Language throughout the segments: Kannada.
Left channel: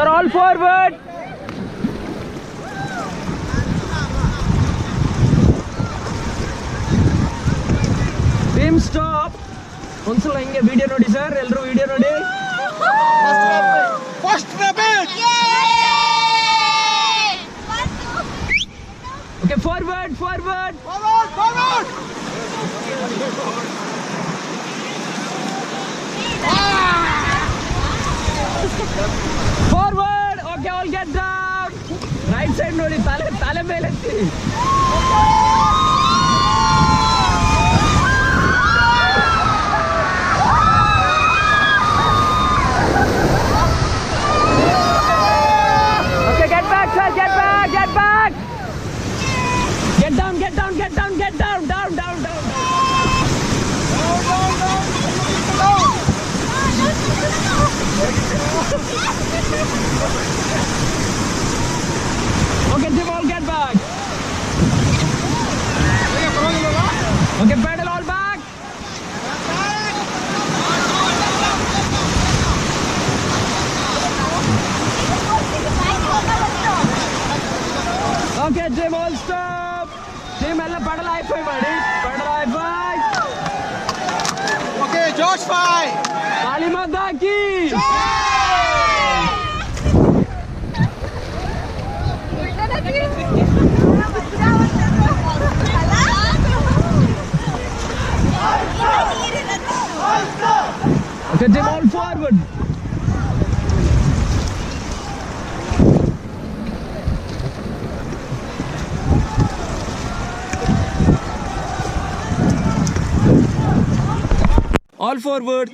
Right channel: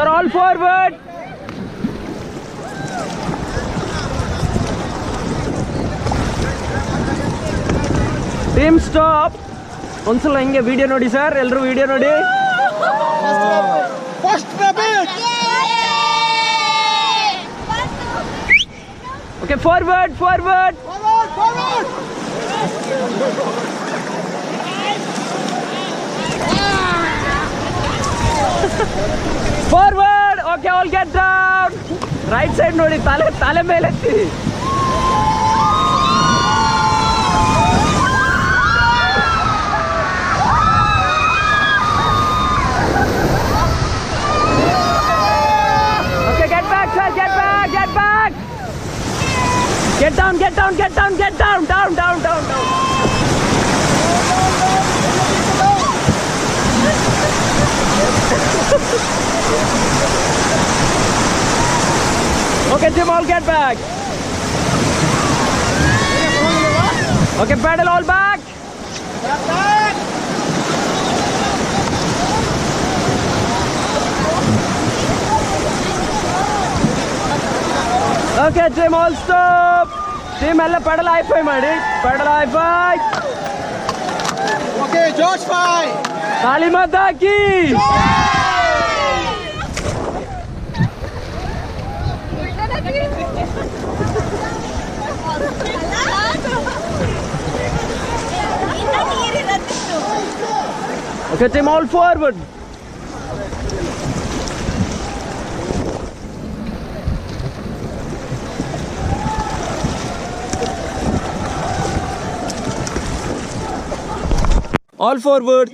Sir, all forward. Team stop. ಒಂದ್ಸಲ ಹಿಂಗೆ ವಿಡಿಯೋ ನೋಡಿ ಸರ್, ಎಲ್ಲರೂ ವಿಡಿಯೋ ನೋಡಿ. First rabbit. Okay, forward. Forward. Forward. Okay, all get down. Right side ನೋಡಿ, ತಲೆ ಮೇಲೆ ಎತ್ತಿ. Okay, get back, sir. Get back. Get down. Down. Okay, Jim, all get back. Okay, pedal all back. Okay, Jim, all stop. Jim, ಎಲ್ಲ pedal high five ಮಾಡಿ. Pedal high five. Okay, George 5. ತಾಳಿ ಮದ್ದಾಕಿ. Okay, Jim, all forward. All forward.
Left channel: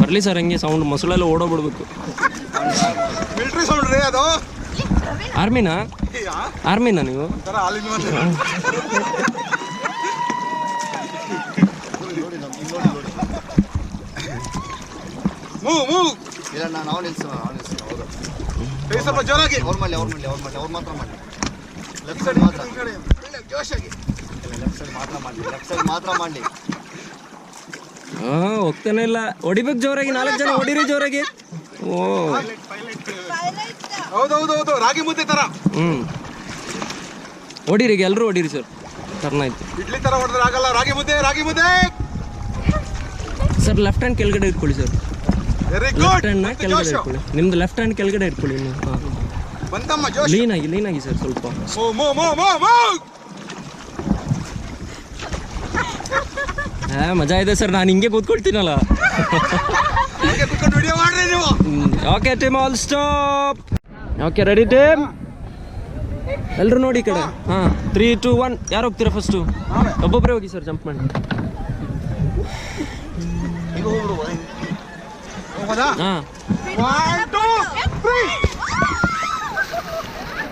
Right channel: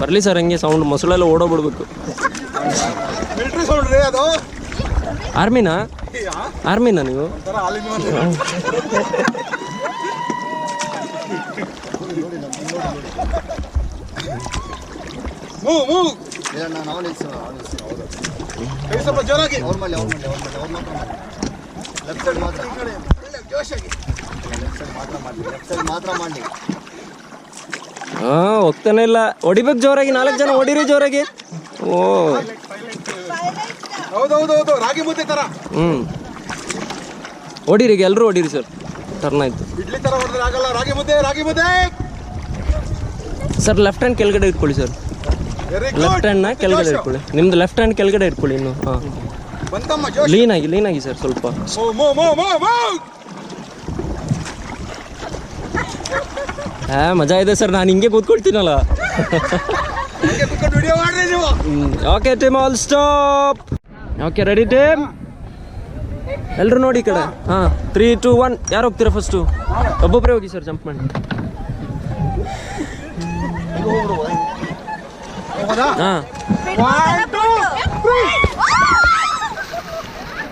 ಬರಲಿ ಸರ್, ಹಂಗೆ ಸೌಂಡ್ ಮೊಸಳೆಲ್ಲ ಓಡೋಗ್ಬಿಡ್ಬೇಕು. ಮಿಲಿಟರಿ ಸೌಂಡ್ ರೀ ಅದು. ಆರ್ಮಿನಾ ನೀವು? ಮೂವ್ ಇಲ್ಲ, ನಾನು ಅವ್ರು ಸ್ವಲ್ಪ ಜೋರಾಗಿ. ಅವ್ರು ಮಾತ್ರ ಮಾಡಿ. ಲೆಫ್ಟ್ ಸೈಡ್ ಮಾತ್ರ. ಜೋಶಾಗಿ. ಲೆಫ್ಟ್ ಸೈಡ್ ಮಾತ್ರ ಮಾಡಲಿ. ಹೋಗ್ತಾನೆ ಇಲ್ಲ. ಹೊಡಿಬೇಕು ಜೋರಾಗಿ, 4 ಜನ ಹೊಡಿರಿ ಜೋರಾಗಿ. ಓ ಹೌದು, ರಾಗಿ ಮುದ್ದೆ ತರ. ಹೊಡಿರಿ, ಎಲ್ಲರೂ ಹೊಡಿರಿ ಸರ್. ಟರ್ನ್ ಆಯ್ತು. ಇಡ್ಲಿ ತರ ಹೊಡೆದ್ರೆ ಆಗಲ್ಲ. ರಾಗಿ ಮುದ್ದೆ. ಸರ್, ಲೆಫ್ಟ್ ಹ್ಯಾಂಡ್ ಕೆಳಗಡೆ ಇಟ್ಕೊಳ್ಳಿ ಸರ್. ಲೆಫ್ಟ್ ಹ್ಯಾಂಡ್ನ ಕೆಳಗಡೆ ಇಟ್ಕೊಳ್ಳಿ. ನಿಮ್ದು ಲೆಫ್ಟ್ ಹ್ಯಾಂಡ್ ಕೆಳಗಡೆ ಇಟ್ಕೊಳ್ಳಿ ಇನ್ನು. ಲೀನ್ ಆಗಿ ಸರ್ ಸ್ವಲ್ಪ. ಮಜಾ ಇದೆ ಸರ್, ನಾನು ಹಿಂಗೆ ಕೂತ್ಕೊಳ್ತೀನಲ್ಲ. Okay team, all stop. Okay, ready team? ಎಲ್ಲರೂ ನೋಡಿ ಈ ಕಡೆ. 3, 2, 1. ಯಾರು ಹೋಗ್ತೀರಾ ಫಸ್ಟು? ಒಬ್ಬೊಬ್ಬರೇ ಹೋಗಿ ಸರ್, ಜಂಪ್ ಮಾಡಿ.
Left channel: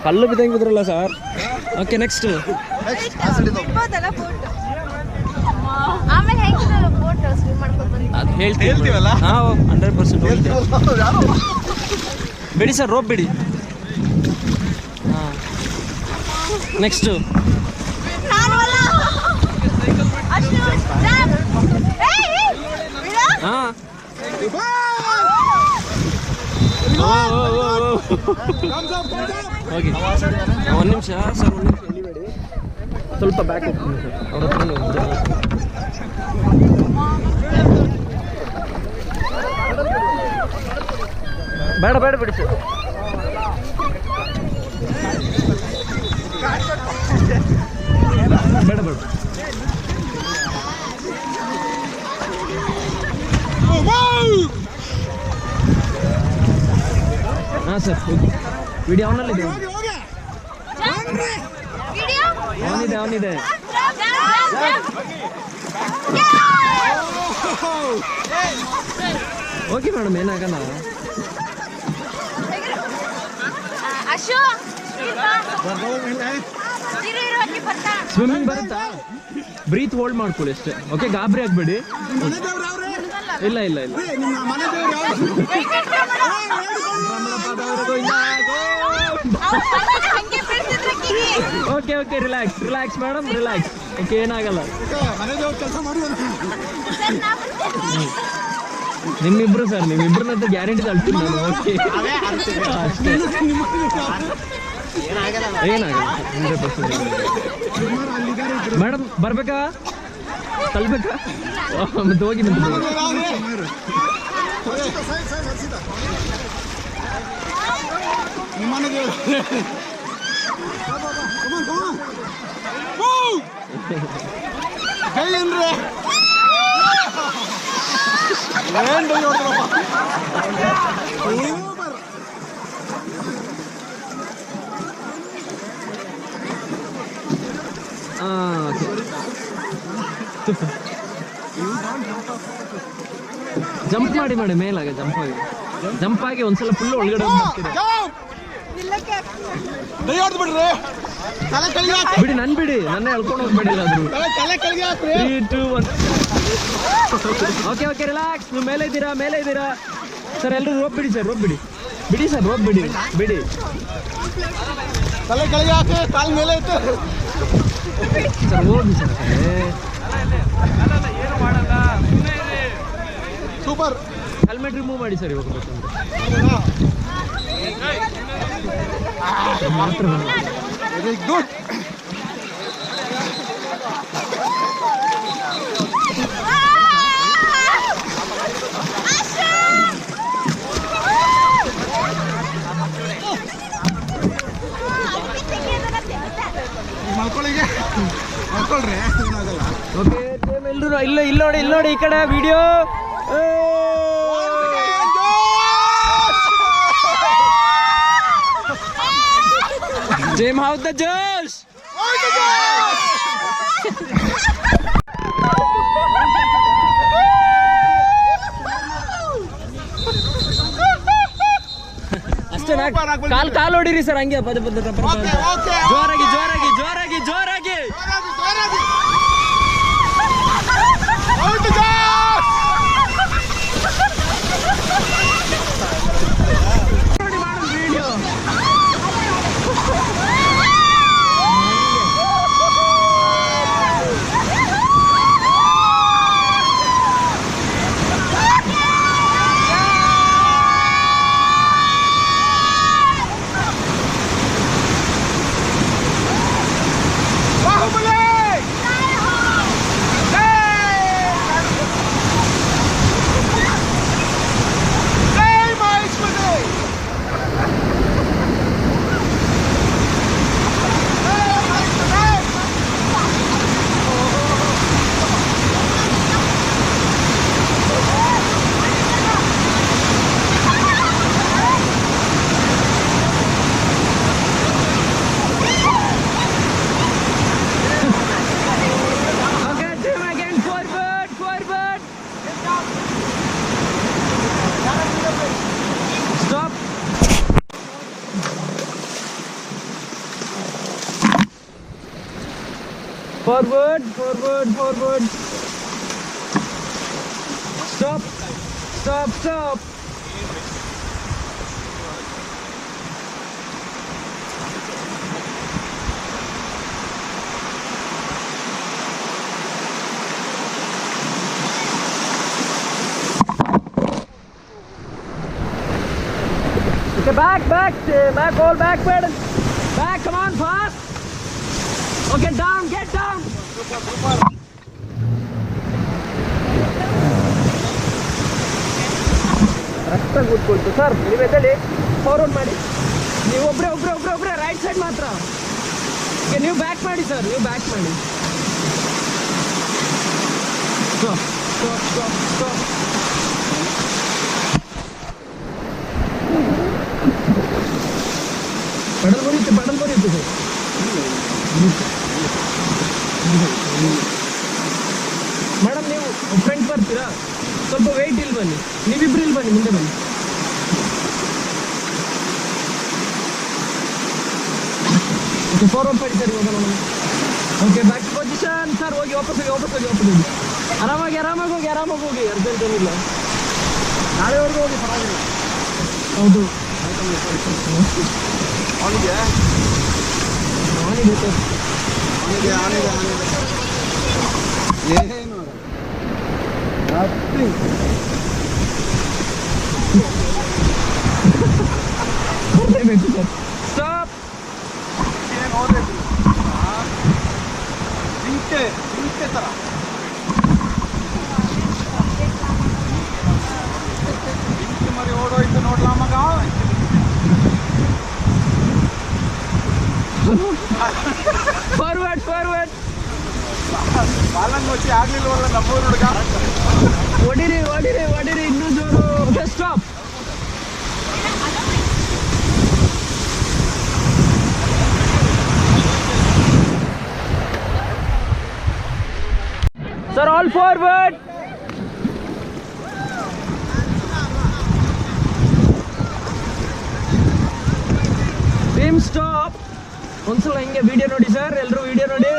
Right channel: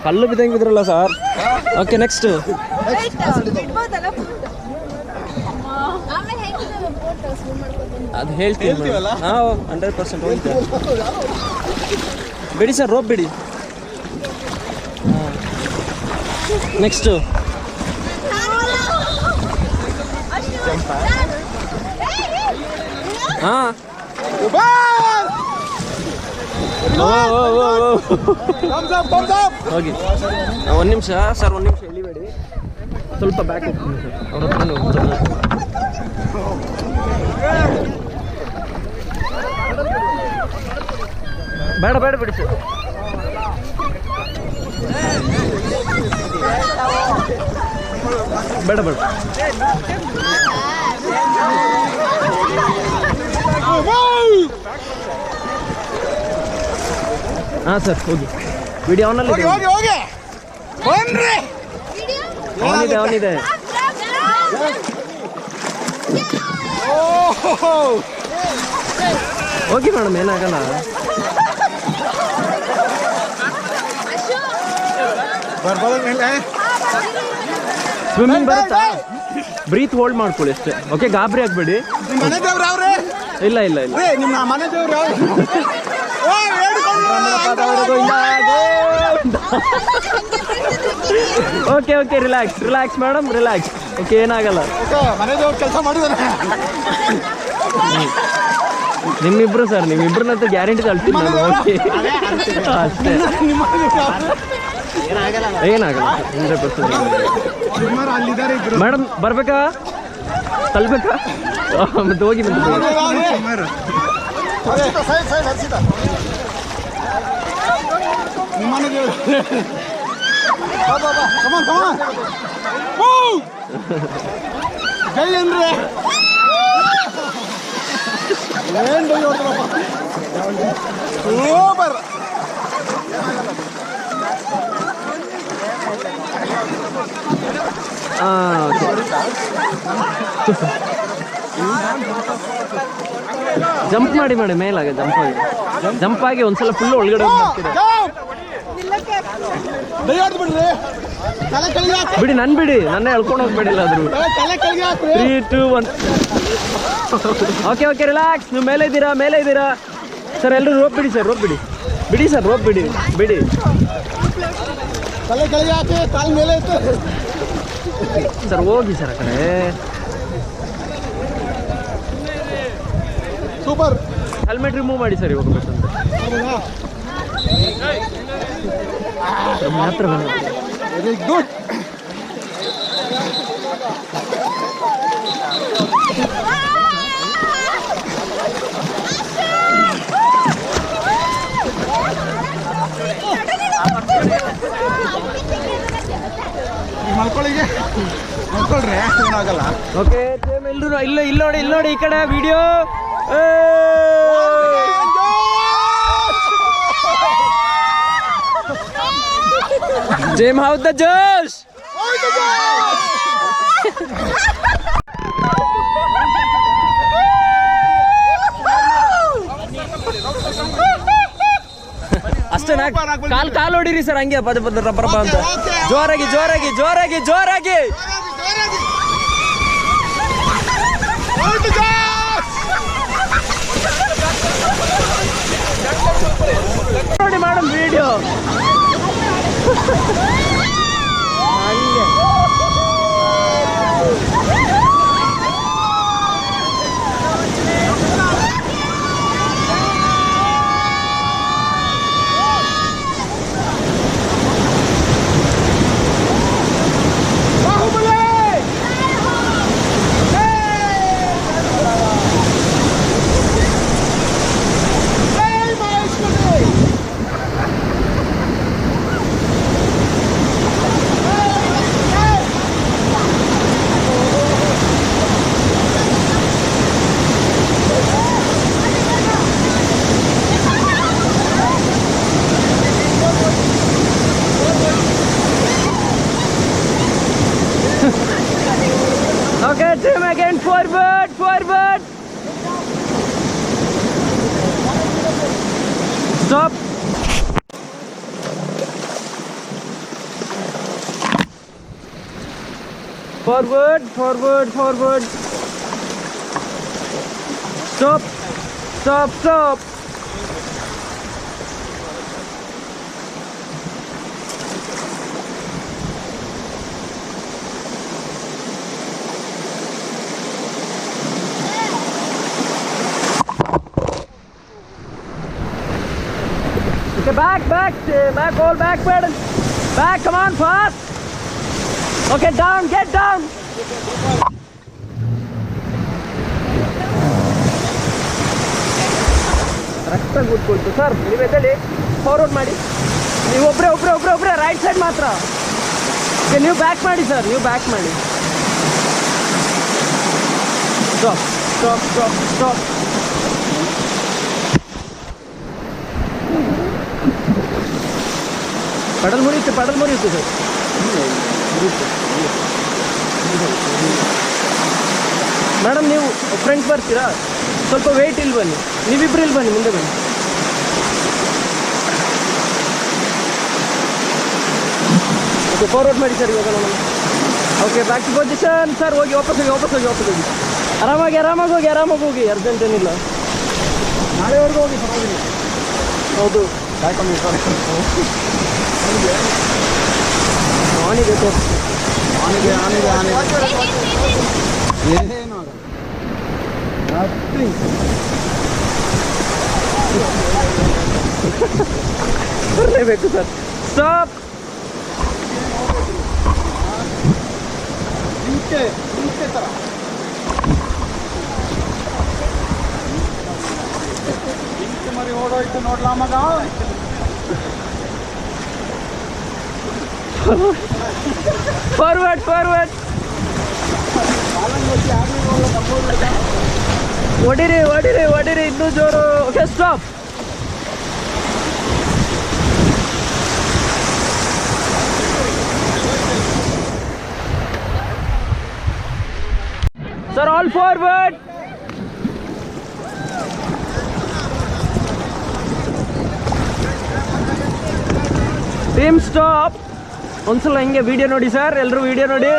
ಕಲ್ಲು ಬಿದ್ದಂಗೆ ಬಿದ್ರಲ್ಲ ಸರ್. Okay, next. ಅದು ಹೇಳ್ತೀವಲ್ಲ. 100% ಹೋಗಿದ್ದೆ. ಬಿಡಿ ಸರ್, ರೋಪ್ ಬಿಡಿ. ನೆಕ್ಸ್ಟ್. ಹೋಗಿ. 1 ನಿಮಿಷ ಸರ್, 1 ನಿಮಿಷ ಎಳಿಬೇಡಿ. ಸ್ವಲ್ಪ ಬ್ಯಾಕ್ ಹೋಗ್ತೀನಿ ಸರ್. ಅವ್ರ ಹತ್ರ ಬೇಡ ಬಿಡಿ ಸರ್. ಬೇಡ ಸರ್, ಹೋಗಿ. ವಿಡಿಯೋ ಅವನಿದೆ. ಹೋಗಿ ಮೇಡಮ್, ಏನಾಗಲ್ಲ. ಸ್ವಿಮ್ಮಿಂಗ್ ಬರುತ್ತಾ? ಬ್ರೀತ್ ಹೋಲ್ಡ್ ಮಾಡ್ಕೊಳ್ಳಿ ಅಷ್ಟೇ. ಓಕೆ, ಗಾಬರಿ ಆಗ್ಬೇಡಿ. ಇಲ್ಲ okay, relax madam, relax. Okay, ಏನಾಗಲ್ಲ. ಮನೆ ದೇವ್ರ ಕೆಲಸ ಮಾಡಿದಾರೆ. ನಿಮ್ಮಿಬ್ರು ಸರ್, ನಿಮ್ಮಿಬ್ರನ್ನಂತೂ ಗ್ಯಾರಂಟಿ ತಳ್ತೀನಿ ನಾನು. ಓಕೆ ಅಷ್ಟೇ, ಏನಾಗಲ್ಲ 100%. ಮೇಡಮ್ ಬರ್ಬೇಕಾ ತಳ್ಬೇಕಾ? ಮತ್ತೆ ಹೋಗಿ ಬಂದು ಜೈ ಅಂದ್ರೆ ಸೂಪರ್. ಜಂಪ್ ಮಾಡಿ ಮೇಲಾಗ ಜಂಪ್ ಆಗಿ ಒಂದ್ಸಲ ಫುಲ್ ಒಳಗಡೆ ಬಿಡಿ, ನನ್ನ ಎಳ್ಕೊಂಡು ಹೋಗ್ಬೇಡಿಲ್ಲ ಆದ್ರೂ. 3, 2, 1. Okay relax. ನೀವು ಮೇಲೆ ಇದ್ದೀರಾ ಸರ್. ಎಲ್ಲರೂ ರೋಪ್ ಬಿಡಿ ಸರ್, ಬಿಡಿ ಸರ್, ರೋಪ್ ಬಿಡಿ. ತಲೆ ಕೆಳಗೆ ಹಾಕಿ, ಕಾಲ್ ಮೇಲೆ ಇತ್ತು ಸರ್. ಹೋಗಿ ಸರ್ ಆ ಕಡೆ. ಸೂಪರ್. ಹೆಲ್ಮೆಟ್ ರಿಮೂವ್ ಮಾಡಿ ಸರ್ ಇವಾಗ ಬೇಕಂದ್ರೆ ಮಾತ್ರ. Very good. ಮಲ್ಕೊಳ್ರಿ, ಏನಾಗಲ್ಲ. ಓಕೆ ಎಲ್ಲರೂ ಇಲ್ಲಿ ನೋಡಿ ಈ ಕಡೆ ವಿಡಿಯೋ. ಜೇಮ್ ಹೌ ದ ಜೋಶ್. ಅಷ್ಟೇ, ಕಾಲ್ ಹೊಡಿರಿ ಸರ್, ಹಂಗೆ ಪದ ರಬ್ಬರ್ ಅಂತ. ಜೋರಾಗಿ. ನೋಡಿ madam video. Forward. Stop. Forward. Stop. Okay, back, all back, pedal. Back, come on, fast. Oh, get down. ಕರೆಕ್ಟಾಗಿ ಕೂತ್ಕೊಳ್ತು ಸರ್. ನೀವು ಎದ್ದೇಳಿ, ಫಾರ್ವರ್ಡ್ ಮಾಡಿ. ನೀವು ಒಬ್ಬರೇ ರೈಟ್ ಸೈಡ್ ಮಾತ್ರ. ಓಕೆ, ನೀವು ಬ್ಯಾಕ್ ಮಾಡಿ ಸರ್, ಸ್ಟಾಪ್. ಪಡಲ್ ಮುರಿಯುತ್ತೆ ಸರ್. ಮೇಡಮ್ ನೀವು ಫ್ರಂಟ್ ಬರ್ತೀರಾ? ಸ್ವಲ್ಪ ವೆಯ್ಟ್ ಇಲ್ಲಿ ಬನ್ನಿ, ನೀವಿಬ್ರು ಇಲ್ಲಿ ಬನ್ನಿ, ಮುಂದೆ ಬನ್ನಿ. ಓಕೆ, ಫಾರ್ವರ್ಡ್ ಮಾಡಿ ಸರ್ ಇವಾಗ ನೋಡೋಣ. Okay, back to position sir. ಹೋಗಿ ವಾಪಸ್ ಹೋಗಿ. ಆರಾಮಾಗಿ ಹೋಗಿ, ಅರ್ಜೆಂಟ್ ಏನಿಲ್ಲ. ನಾಳೆವರೆಗೂ ಹೋಗಿ, ಪರವಾಗಿಲ್ಲ. ಹೌದು, ಆನಿದೆ ಸರ್. ಏನು ಬರಲೇಬೇಕು ಸರ್. ಸ್ಟಾಪ್. ಜಿಂಕೆ ಥರ ಜಿಂಕೆ ಮರಿ ಓಡೋಯ್ತು ನೋಡ್ಲಾ ಮಗ. Forward forward. ಬಾಲಂಗೋಚಿ ಆಗ್ಲಿಲ್ವಲ್ಲ ನಮ್ಮೂರು ಹುಡುಗ. ಹೊಡಿರಿ ಹೊಡಿರಿ ಹೊಡಿರಿ ಇನ್ನೂ ಜೋರು. Okay stop. Sir, all forward. Team stop. ಒಂದ್ಸಲ ಹಿಂಗೆ ವಿಡಿಯೋ ನೋಡಿ ಸರ್, ಎಲ್ಲರೂ ವಿಡಿಯೋ ನೋಡಿ.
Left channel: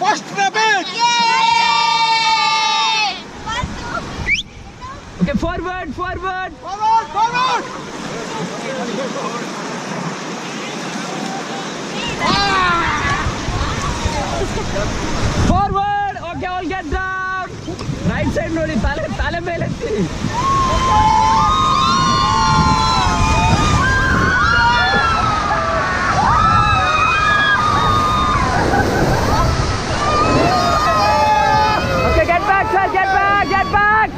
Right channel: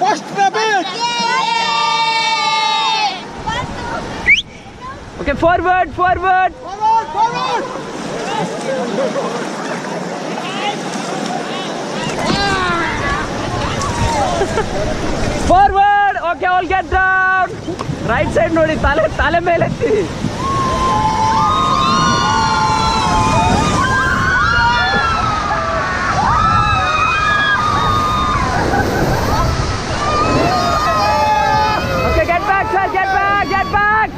First rabbit. Okay forward forward. Forward. Okay all get down. Right side ನೋಡಿ, ತಲೆ ತಲೆ ಮೇಲೆ ಎತ್ತಿ. Okay, get back, sir. Get back. Get back.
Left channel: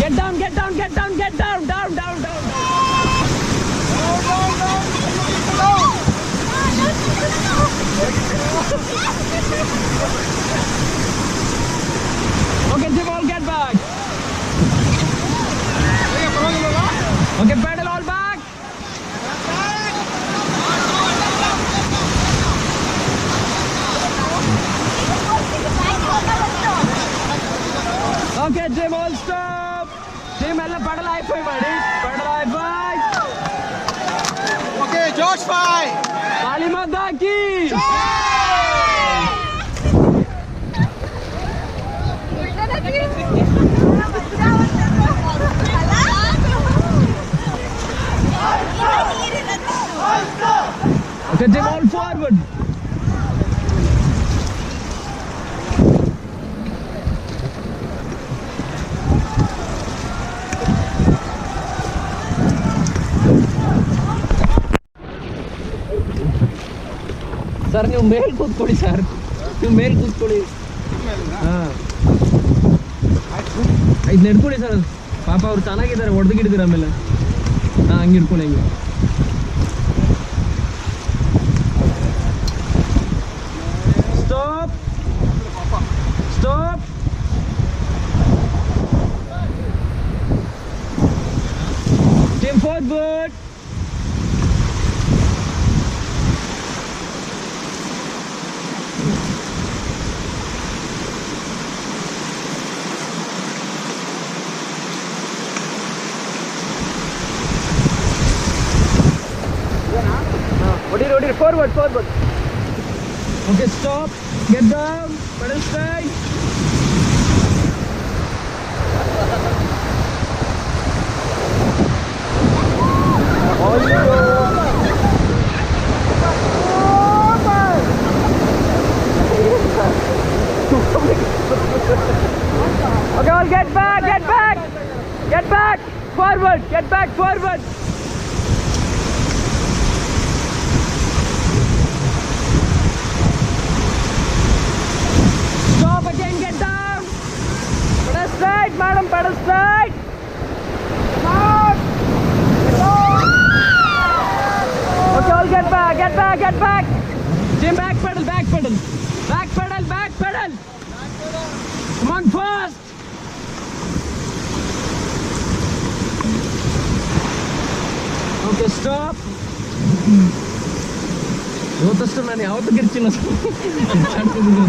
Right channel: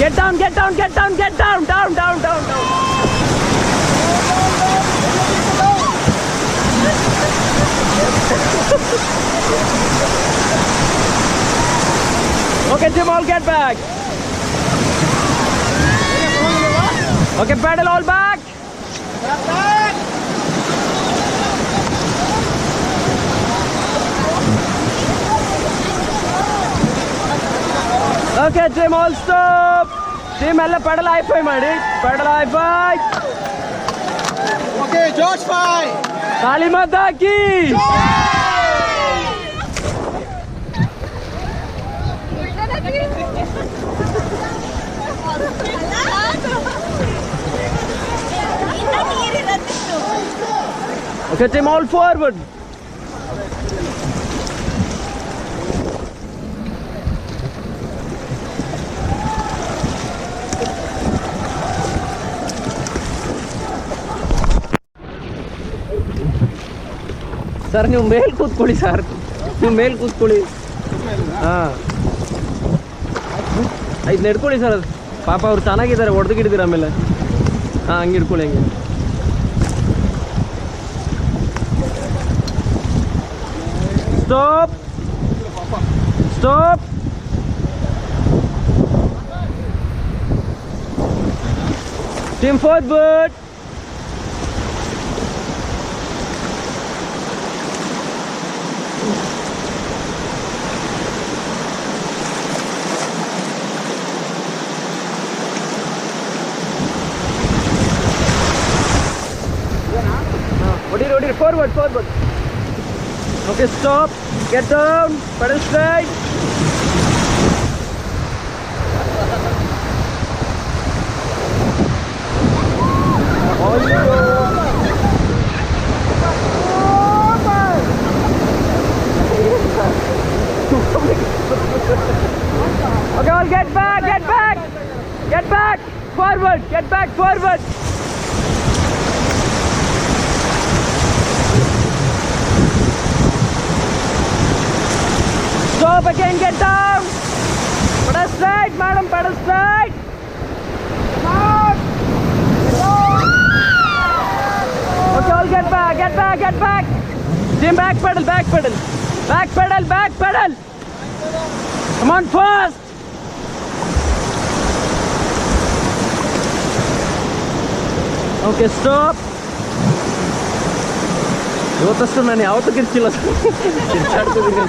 Get down. Get down. Get down. Get down. Down. Down. Down. Down. Okay, Jim, all get back. Okay, pedal all back. Okay, Jim, all stop. Jim, all pedal high five, madi. Pedal high five. Okay George ಫೈ. Kali Mata ki. Okay, Jim, all forward. Sir ನೀವು ಮೇಲ್ ಕೂತ್ಕೊಳ್ಳಿ ಸರ್, ನೀವು ಮೇಲ್ ಕೂತ್ಕೊಳ್ಳಿ. ಹಾಂ ಇದು ನಡ್ಕೊಳ್ಳಿ ಸರ್. ಅದು ಪಾಪ ಅವ್ರು ಚೆನ್ನಾಗಿದ್ದಾರೆ, ಹೊಡೆದು ಗಿಡಿದಿರ ಆಮೇಲೆ. ಹಾಂ ಹಂಗೆ ಇಟ್ಕೊಳ್ಳಿ ಹಂಗೆ. Stop stop. Team forward. ಹೊಡಿರಿ ಹೊಡಿರಿ. Forward forward. Okay stop. Get down. Pedal straight. Okay, all get back, get back, get back, forward, get back, forward. Stop again, get down. Pedal straight, madam, pedal straight. Okay, all get back, get back, get back. Jim, back pedal, back pedal. Back pedal, back pedal. Come on, fast. Okay, stop. ಇವತ್ತಷ್ಟು ನಾನು ಯಾವತ್ತೂ ಗಿರ್ಚಿಲ್ಲ ಸರ್. ಗಿರ್ಚಾಡ್ತಿದ್ದೀನಿ.